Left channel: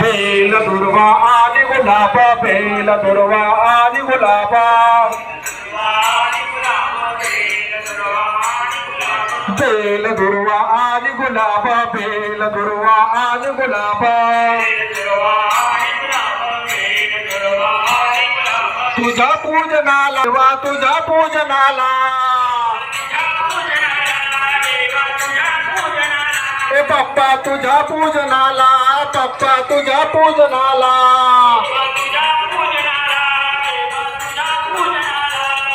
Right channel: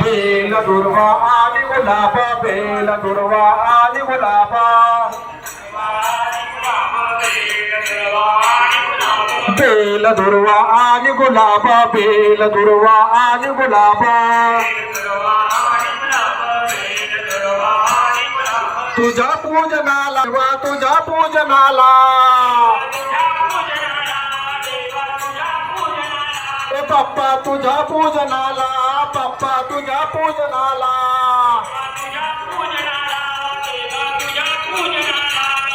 bell दुर्वा आदि Gulaba bell दुर्वा आदि गुलाबा बेल दुर्वा आदि गुलाबा बेल दुर्वा आदि गुलाबा तुझ्या पूजनाला तुझ्या पूजनाला ए बाप्पा तुझ्या पूजनाला बाप्पा तुझ्या पूजनाला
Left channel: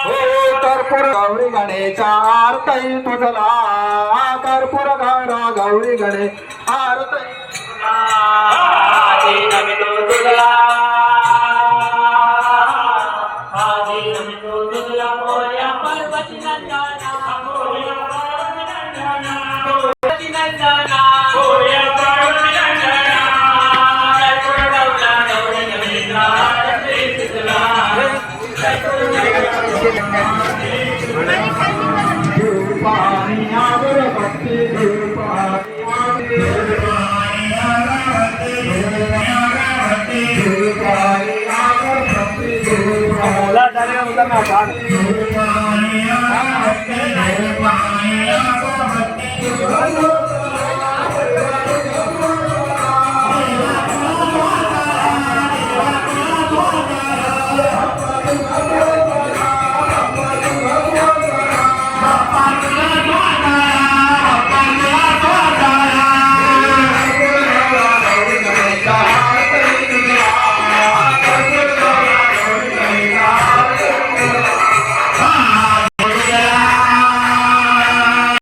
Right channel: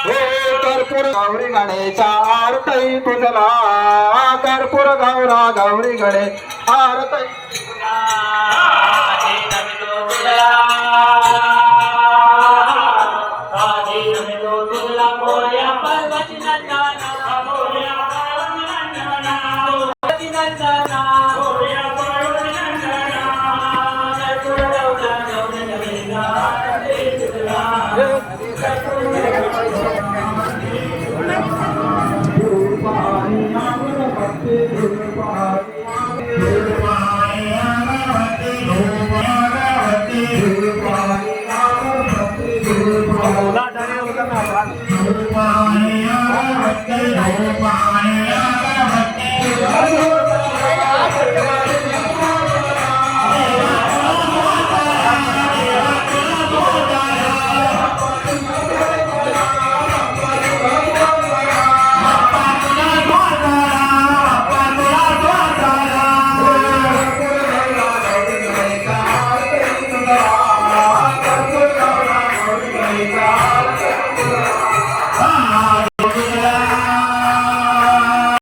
हो कर्पूर गौरी गणेशा आरती तुझला कर्पूर गौरा गौरी गणे आरती बोला